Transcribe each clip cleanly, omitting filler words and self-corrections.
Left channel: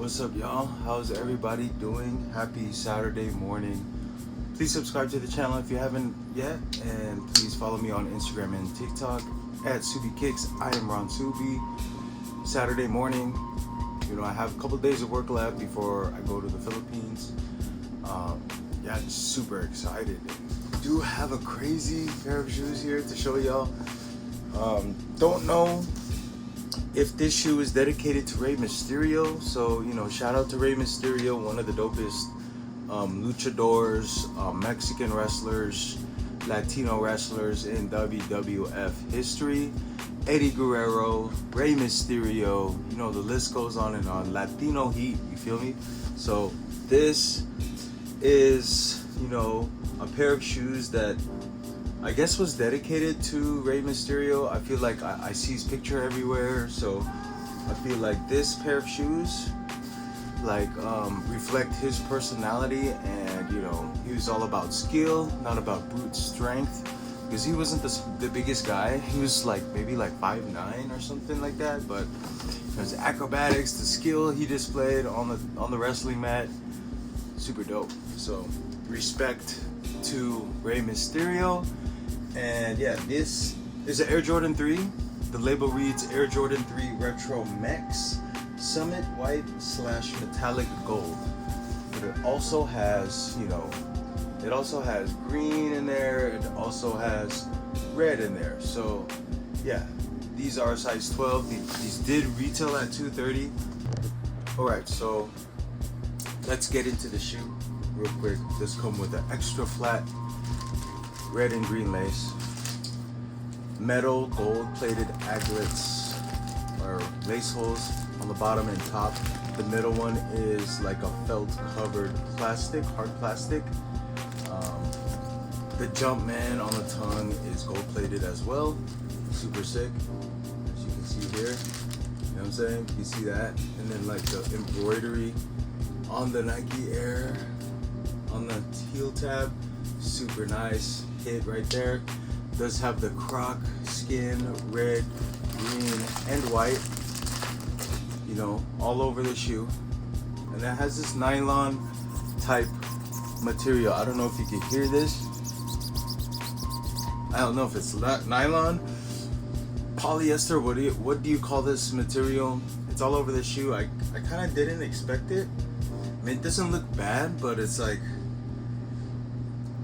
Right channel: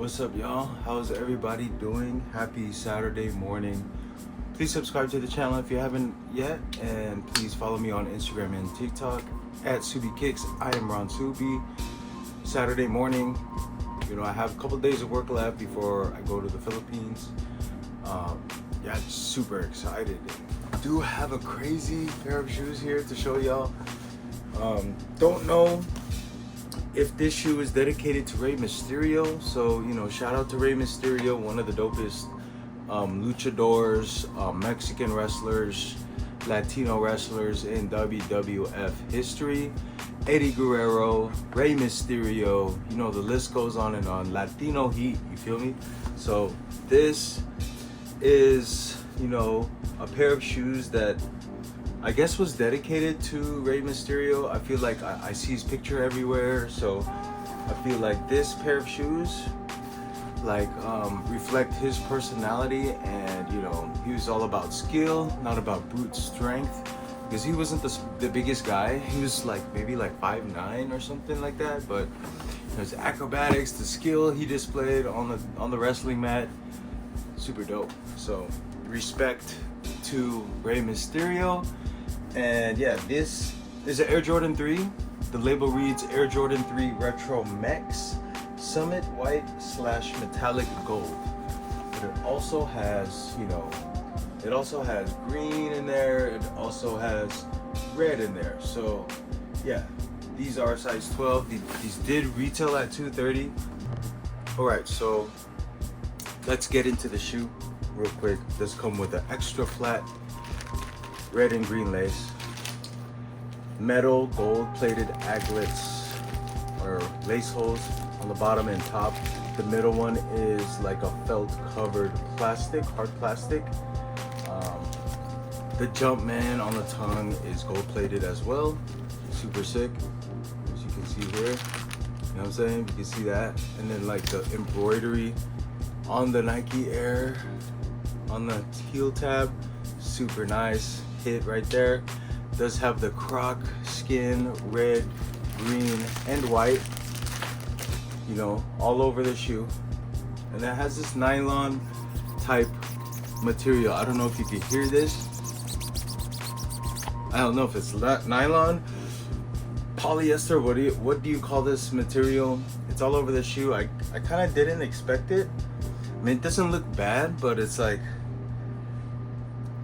What's up, y'all? How's everybody doing? Happy Saturday morning. Please subscribe to the channel if you haven't yet, and please follow me on Instagram and TikTok at SubiKicks. I am Ron Subi. Saturday morning, I have a couple of days of work left before I go to the Philippines. Just super excited. I do have a crazy pair of shoes here to show y'all. Don't know if this shoe is dedicated to Rey Mysterio, so shout out to Rey Mysterio, one of the dopest luchadors, Mexican wrestlers, Latino wrestlers in WWF history. Eddie Guerrero, Rey Mysterio, the list goes on and on. Latino heat, you feel me? So this is a pair of shoes that I guess was dedicated to Rey Mysterio. I feel like I see his picture everywhere, so I feel like this pair of shoes reflect his personality, and he was all about skill, not about brute strength, because he wasn't the biggest guy. He was maybe 5'9" or something like that, but his acrobatics, the skill he displayed on the wrestling mat, super dope. So respect to Rey Mysterio. And yeah, this is an Air Jordan 3. The label reads Air Jordan 3 Retro Mex Summit White / Metallic Gold. But it also has, it also has green in there. It also has red in there. So yeah, these are size 12. These did retail at $230. All right, so let's get into the shoe real quick. This come with an extra flat red and green lace, metal gold plated aglets or lace holes on the bottom and top. The middle one is like a felt covered plastic, hard plastic. The Jumpman on the tongue is gold plated as well, super sick, as you can see here. You know what I'm saying? You can see that. And then the embroidery on the Nike Air on the heel tab, super nice. Hit right there. Does have the croc skin, red, green, and white, all over the shoe. And it has this nylon type material. I don't know if you can hear this. I don't know if it's nylon, polyester, what do you call this material? It's all over the shoe. I kind of didn't expect it. I mean, it doesn't look bad, but it's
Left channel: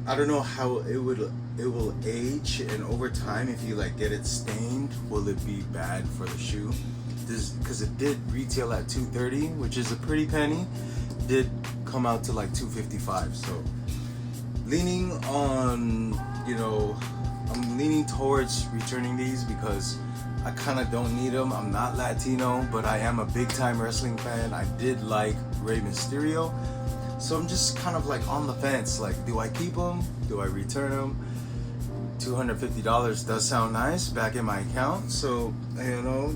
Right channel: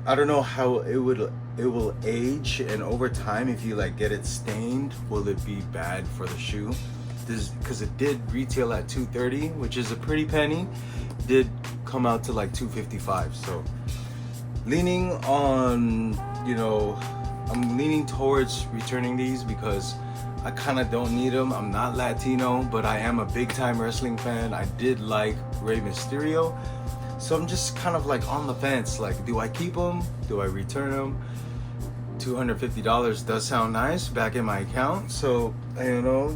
I don't know how it will age, and over time, if you get it stained, will it be bad for the shoe? Because it did retail at $230, which is a pretty penny. Did come out to $255. So leaning on, I'm leaning towards returning these because I kind of don't need them. I'm not Latino, but I am a big time wrestling fan. I did like Rey Mysterio. So I'm just kind of on the fence. Do I keep them? Do I return them? $250 does sound nice back in my account. So,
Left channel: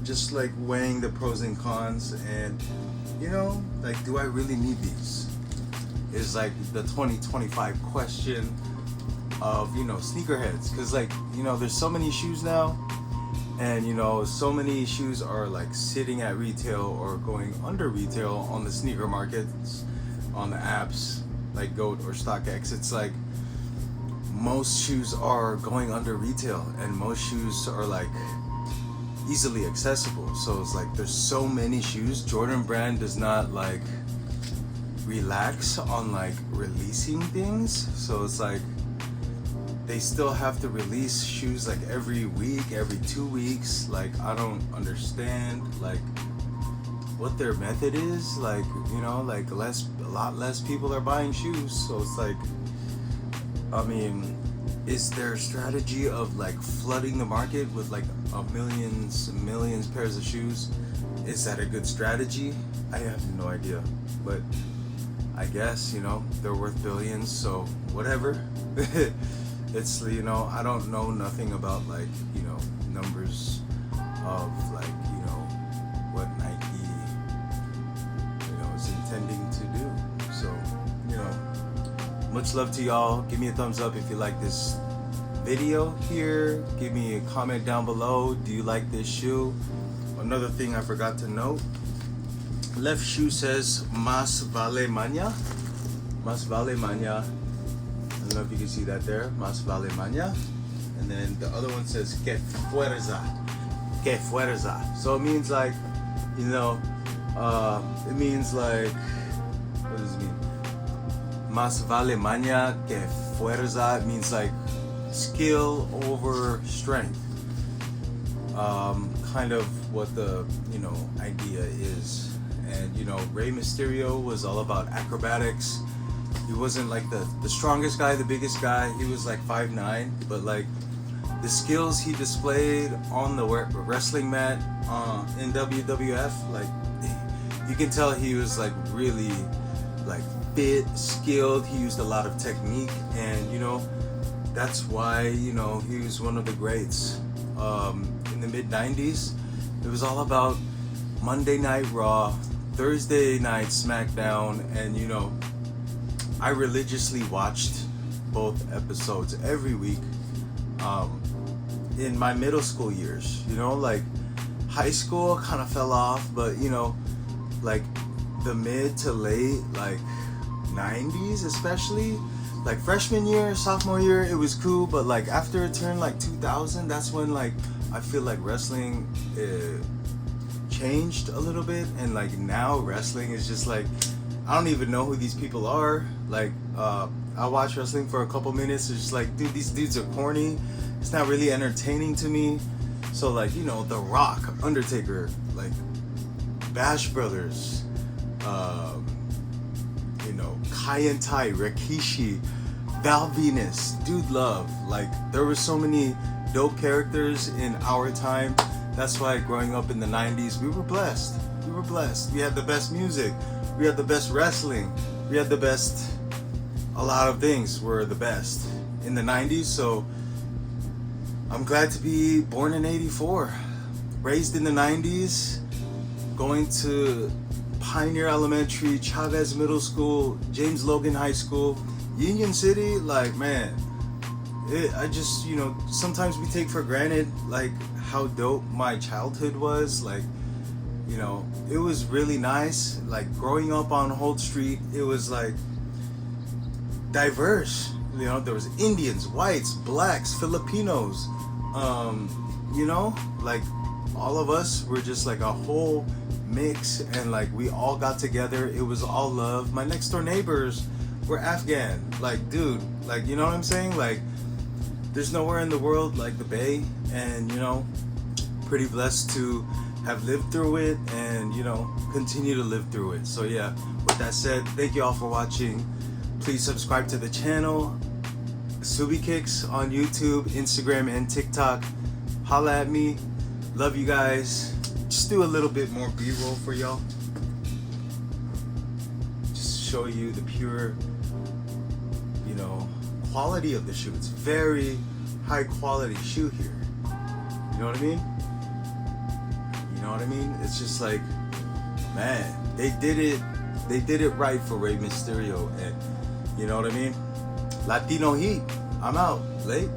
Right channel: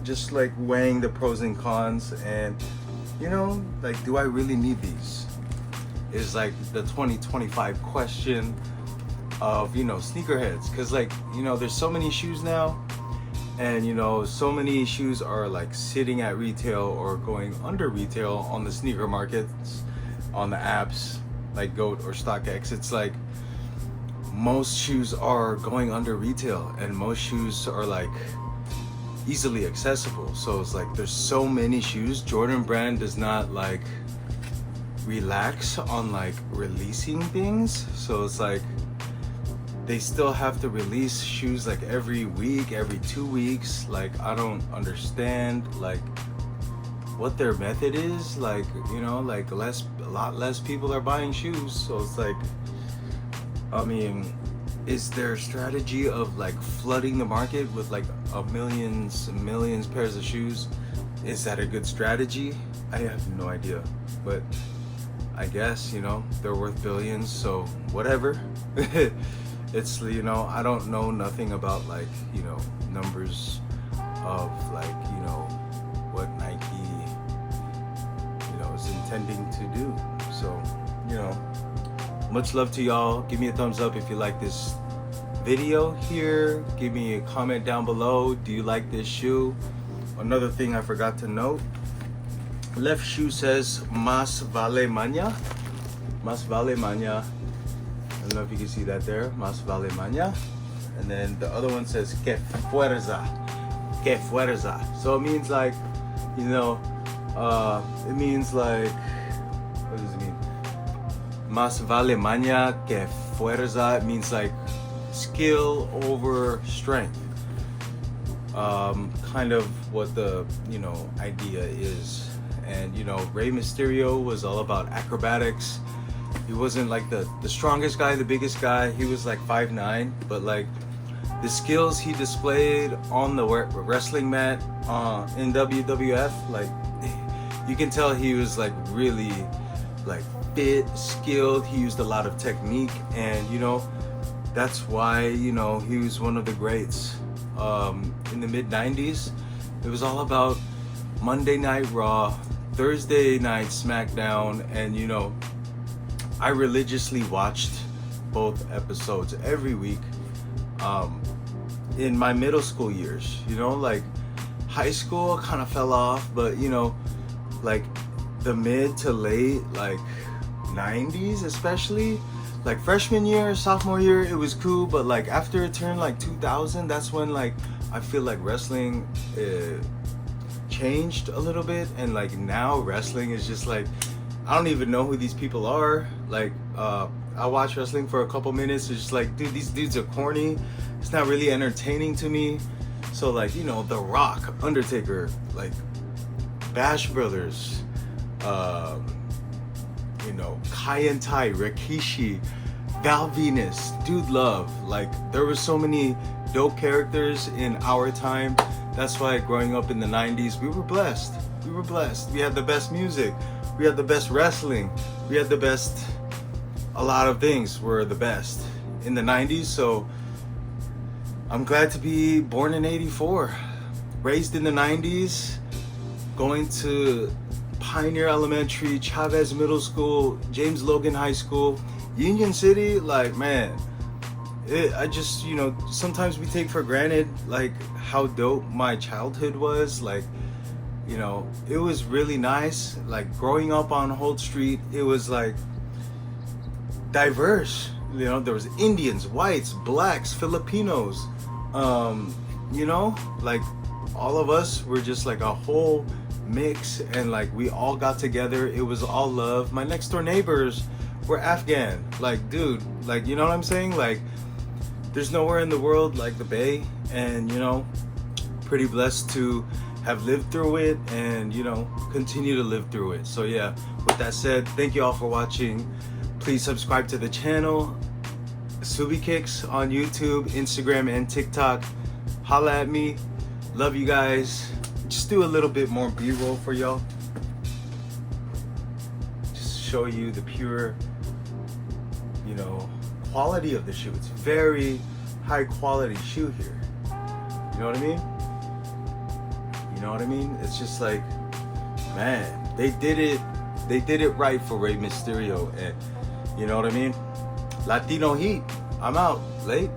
just weighing the pros and cons, and do I really need these? Is the 2025 question of, sneakerheads. Cause there's so many shoes now, and so many shoes are sitting at retail or going under retail on the sneaker markets, on the apps like GOAT or StockX. It's most shoes are going under retail, and most shoes are easily accessible. So it's there's so many shoes. Jordan brand does not relax on releasing things. So it's they still have to release shoes every week, every 2 weeks. I don't understand what their method is. A lot less people are buying shoes. So it's I mean, is their strategy of flooding the market with millions pairs of shoes? Is that a good strategy? I have no idea, but I guess they're worth billions, so whatever. It's I don't know nothing about numbers of what Nike is intending to do. So much love to y'all. Give me a thumbs up if you like this video here. Give me a comment down below. Do you like this shoe? Another thing I forgot to note left shoe says Más vale maña. Más vale maña. I don't know if you can see that there. Más vale maña. And then the other one says que fuerza. Que fuerza. So it means like, you know, it means like, what does it mean? Más vale maña que fuerza. It means like skill over strength. Kind of what the, you know, idea is. And, you know, Rey Mysterio was all about acrobatics. He wasn't like the strongest guy, the biggest guy. He was like 5'9", but like the skills he displayed on the wrestling mat in WWF, like you can tell he was like really like fit, skilled. He used a lot of technique, and you know, that's why, you know, he was one of the greats. In the mid-90s, it was all about Monday Night Raw, Thursday Night SmackDown, and you know, I religiously watched both episodes every week in my middle school years. You know, like high school kind of fell off, but you know, like the mid to late like 90s, especially like freshman year, sophomore year, it was cool. But like after it turned like 2000, that's when like I feel like wrestling changed a little bit, and like now wrestling is just like, I don't even know who these people are. Like I watch wrestling for a couple minutes, it's just like, dude, these dudes are corny. It's not really entertaining to me. So like, you know, The Rock, Undertaker, like Bash Brothers, you know, Kai and Tai, Rikishi, Val Venus, Dude Love. Like there were so many dope characters in our time. That's why growing up in the 90s, we were blessed. We were blessed. We had the best music. We had the best wrestling. We had the best, a lot of things were the best in the 90s. So I'm glad to be born in 84, raised in the 90s, going to Pioneer Elementary, Chavez Middle School, James Logan High School, Union City. Like, man, I just, you know, sometimes we take for granted like how dope my childhood was. Like, you know, it was really nice. Like growing up on Holt Street, it was like diverse. You know, there was Indians, whites, blacks, Filipinos. You know, like all of us were just like a whole mix, and like we all got together. It was all love. My next door neighbors were Afghan. Like, dude, like, you know what I'm saying? Like, there's nowhere in the world like the Bay, and you know, pretty blessed to have lived through it, and you know, continue to live through it. So yeah, with that said, thank you all for watching. Please subscribe to the channel, Subi Kicks on YouTube, Instagram, and TikTok. Holla at me. Love you guys. Just do a little bit more B-roll for y'all. Just show you the pure, you know, quality of the shoe. It's very high quality shoe here. You know what I mean? You know what I mean? It's just like, man, they did it right for Rey Mysterio, and you know what I mean? Latino Heat. I'm out. Late.